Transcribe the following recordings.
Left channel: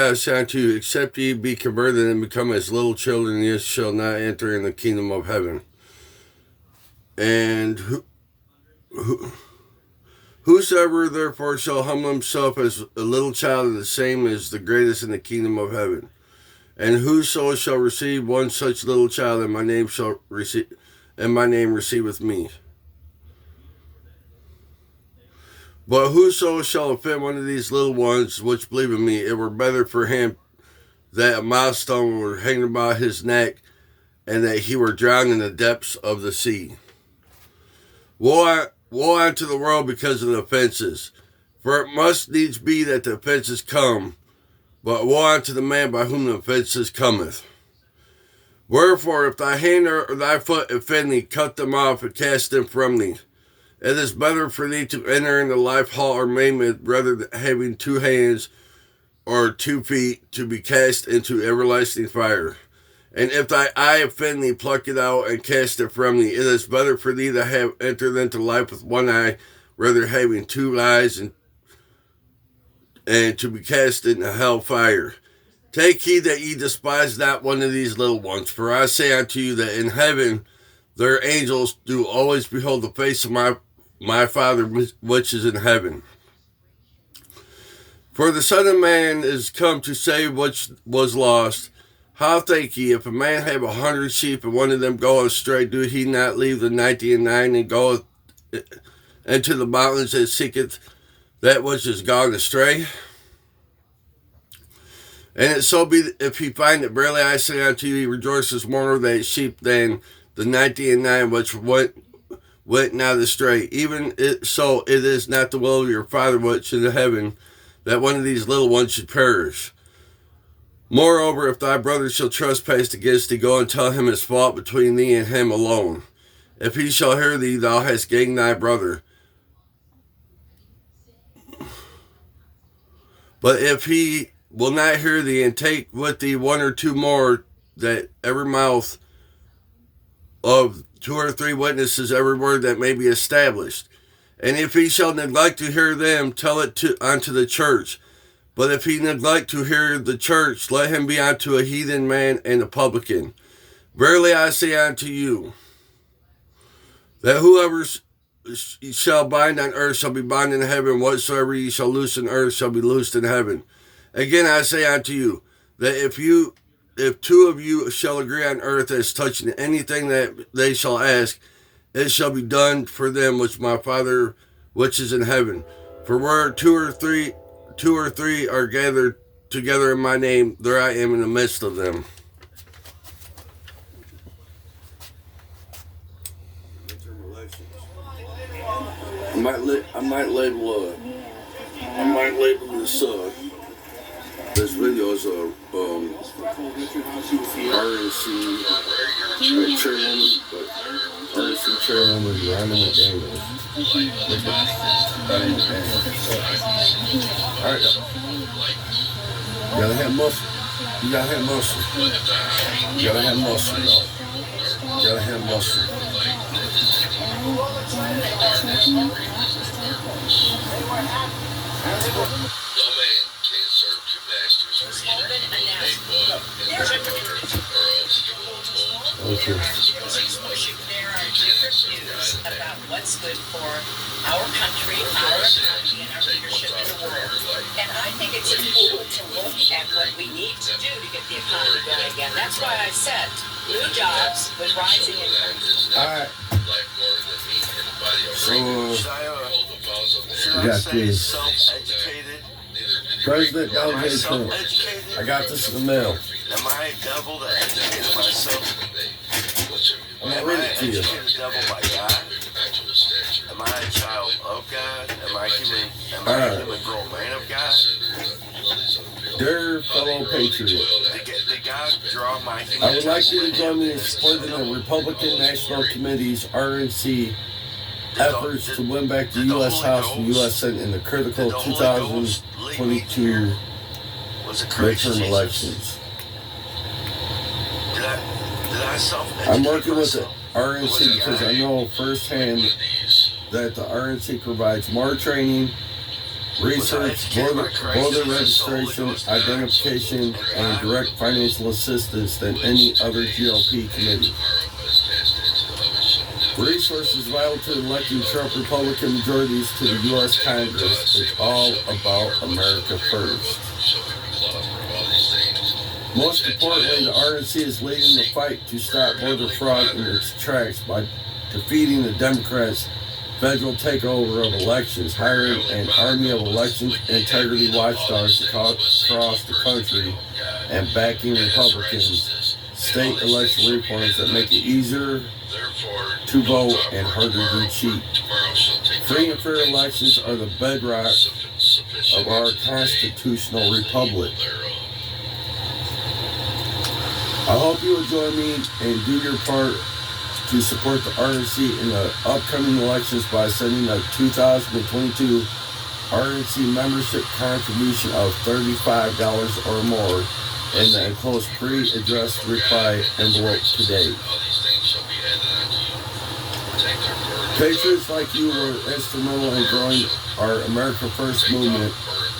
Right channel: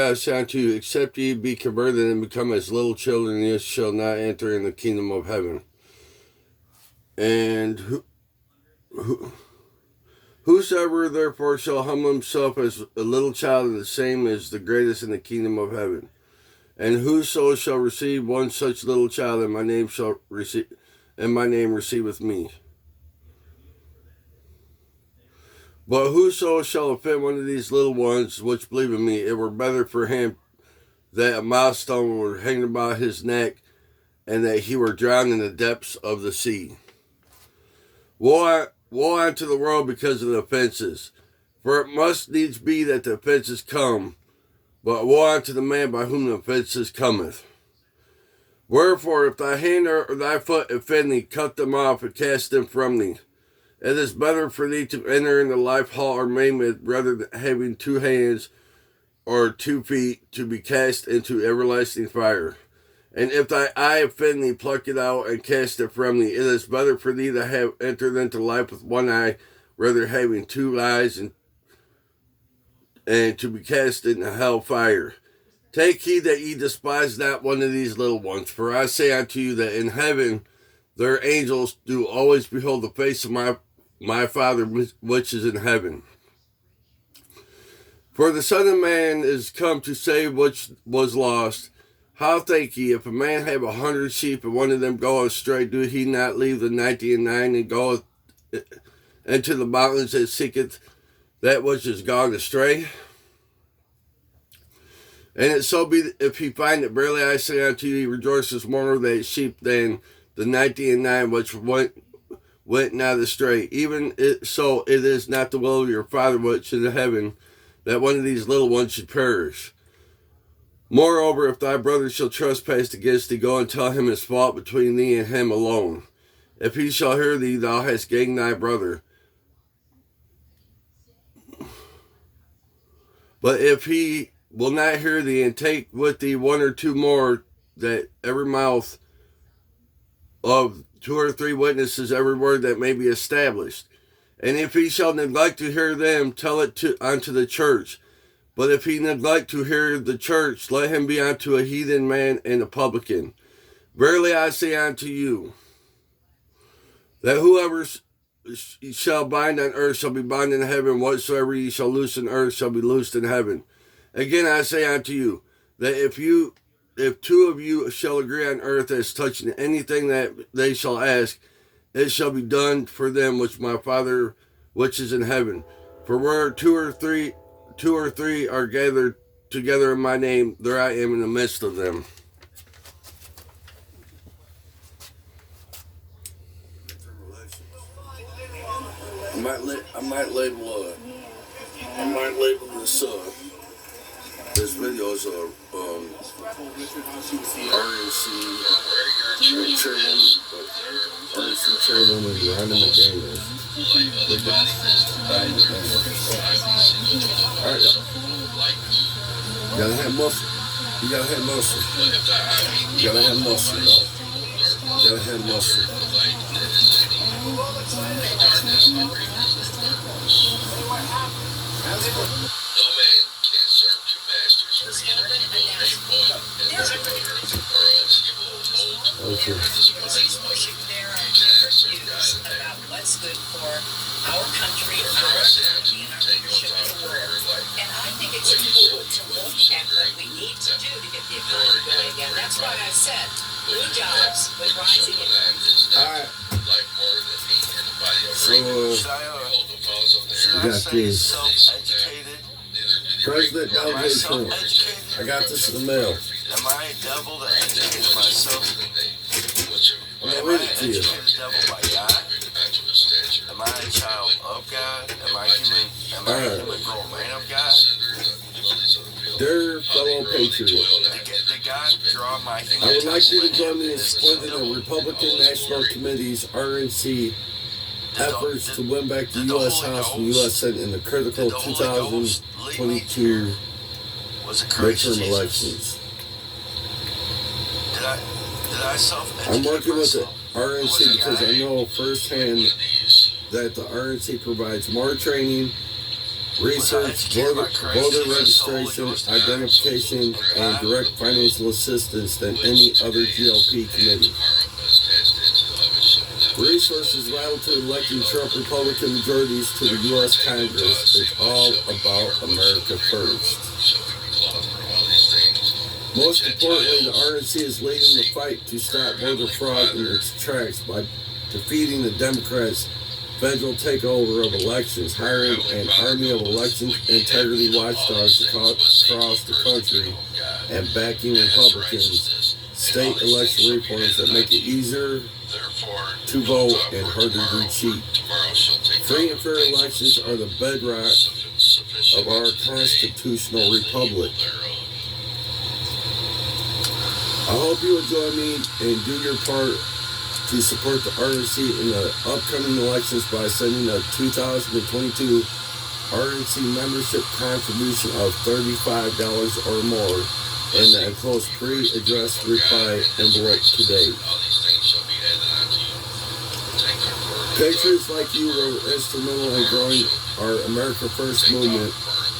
truly I say unto you, except ye be converted and become as little children, ye shall not enter in the kingdom of heaven. And whosoever therefore shall humble himself as a little child, the same is the greatest in the kingdom of heaven. And whoso shall receive one such little child in my name shall receive, and my name receiveth me. But whoso shall offend one of these little ones which believe in me, it were better for him that a milestone were hanged about his neck, and that he were drowned in the depths of the sea. Woe unto the world because of the offenses, for it must needs be that the offenses come, but woe unto the man by whom the offenses cometh. Wherefore, if thy hand or thy foot offend thee, cut them off and cast them from thee. It is better for thee to enter into life halt or maimed, rather than having 2 hands or 2 feet to be cast into everlasting fire. And if thy eye offend thee, pluck it out and cast it from thee. It is better for thee to have entered into life with 1 eye, rather having 2 eyes and to be cast into hell fire. Take heed that ye despise not one of these little ones, for I say unto you that in heaven their angels do always behold the face of my Father which is in heaven. For the Son of Man is come to save which was lost. How think ye, if a man have 100 sheep, and one of them go astray, do he not leave the 99 and go into the mountains and seeketh that which is gone astray? And it so be, if he find it, verily I say unto you, he rejoices more over that sheep than the 99 which went not astray. Even so, it is not the will of your Father which is in heaven, that one of these little ones should perish. Moreover, if thy brother shall trespass against thee, go and tell him his fault between thee and him alone. If he shall hear thee, thou hast gained thy brother. But if he will not hear thee, and take with thee 1 or 2 more, that every mouth of 2 or 3 witnesses every word that may be established. And if he shall neglect to hear them, tell it unto the church. But if he neglect to hear the church, let him be unto a heathen man and a publican. Verily I say unto you, that whoever shall bind on earth shall be bound in heaven, whatsoever ye shall loose on earth shall be loosed in heaven. Again I say unto you, that if 2 of you shall agree on earth as touching anything that they shall ask, it shall be done for them which my Father which is in heaven. For where 2 or 3 are gathered together in my name, there I am in the midst of them. I might label this this video as a RNC chairwoman, but RNC chairwoman Rhonda McDaniels. All right, you gotta have muscle. You gotta have muscle. You gotta have muscle, y'all. You gotta have muscle. Okay. There are different views about what's good for our country, our economy, and our leadership in the world. And I think it's important to look at what we need to do to get the economy going again. That's why I said new jobs with rising incomes. All right. So, we got this. President Donald J. Trump. I got this in the mail. Am I a devil that educated myself? I'm going to read it to you. Am I a child of God? Am I a human girl, man of God? Dear fellow patriot, Did God draw my I would like you to join me in supporting the Republican National Committee's RNC efforts to win back the U.S. House and U.S. Senate in the critical 2022 midterm elections. I'm working with the RNC because I know firsthand that the RNC provides more training, research, voter registration, identification, and direct financial assistance than any other GOP committee. Resources vital to electing Trump Republican majorities to the U.S. Congress is all about America first. Most importantly, the RNC is leading the fight to stop voter fraud in its tracks by defeating the Democrats' federal takeover of elections, hiring an army of election integrity watchdogs across the country, and backing Republicans' state election reforms that make it easier to vote and harder to cheat. Free and fair elections are the bedrock of our constitutional republic. I hope you will join me and do your part to support the RNC in the upcoming elections by sending a 2022 RNC membership contribution of $35 or more in the enclosed pre-addressed reply envelope today. Patriots like you were instrumental in growing our America First movement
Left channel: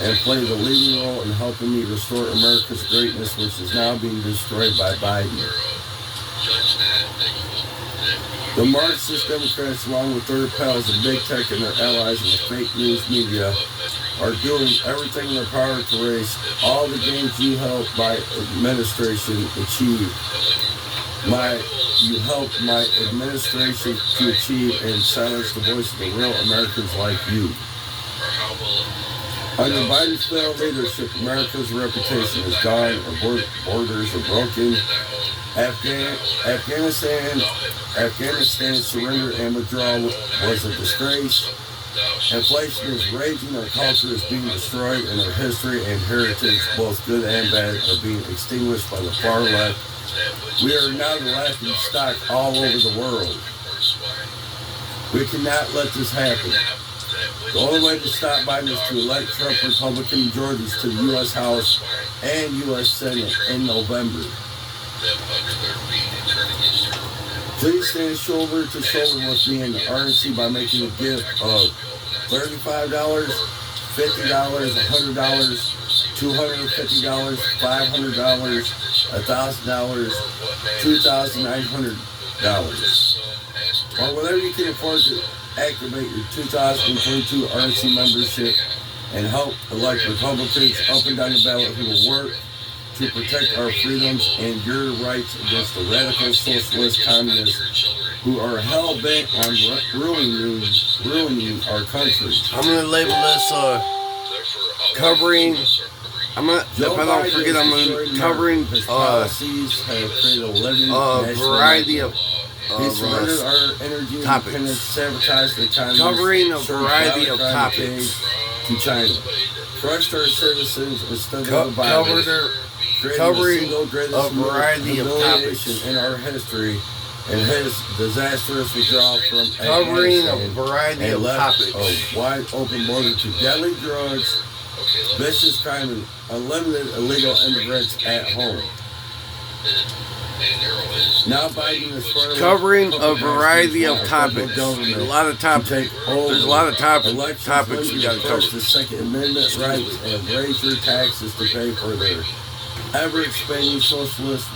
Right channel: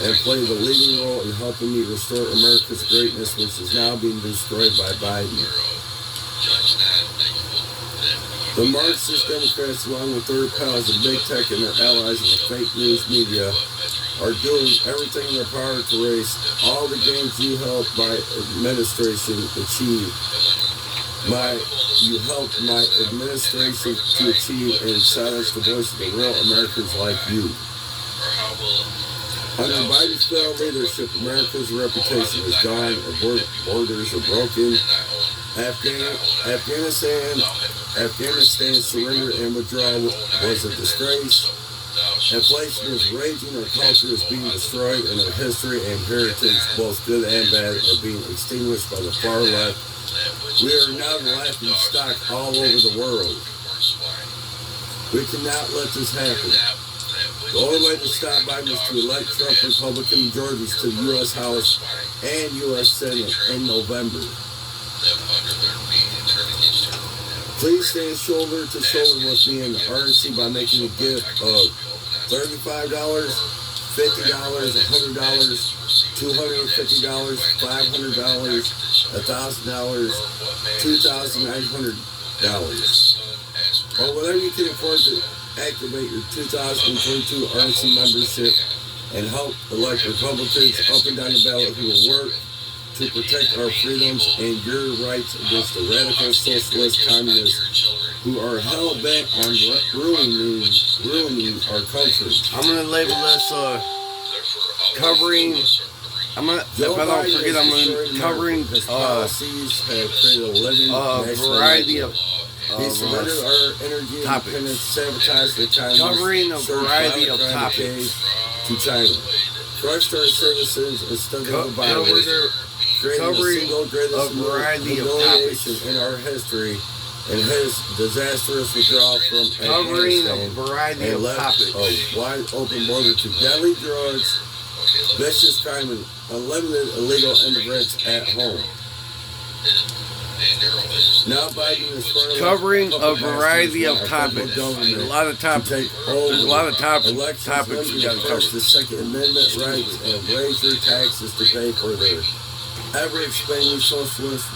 and played a leading role in helping me restore America's greatness, which is now being destroyed by Biden. The Marxist Democrats, along with their pals of big tech and their allies in the fake news media, are doing everything in their power to erase all the gains you helped my administration achieve. You helped my administration to achieve and silence the voice of the real Americans like you. Under Biden's failed leadership, America's reputation is gone, our borders are broken. Afghanistan's surrender and withdrawal was a disgrace. Inflation is raging, our culture is being destroyed, and our history and heritage, both good and bad, are being extinguished by the far left. We are now the laughing stock all over the world. We cannot let this happen. The only way to stop Biden is to elect Trump Republican majorities to the U.S. House and U.S. Senate in November. Please stand shoulder to shoulder with me in the RNC by making a gift of $35, $50, $100, $250, $500, $1,000, $2,900, or whatever you can afford to activate your 2022 RNC membership and help elect Republicans up and down the ballot who will work to protect our freedoms and your rights against the radical socialist communists who are hell-bent on ruining our country. I'm going to label this covering. If I don't forget, I'm going to covering a variety of topics. Covering a variety of topics. To China. Trust our citizens instead of the virus. Covering a variety of topics. In our history and his disastrous withdrawal from Covering a Afghanistan variety of topics. A wide open border to deadly drugs, vicious crime, and unlimited illegal immigrants at home. Now Biden is covering a variety of topics. There's a lot of topics. There's a lot of topics we got to cover. The Second Amendment rights and raise your taxes to pay for their ever-expanding socialist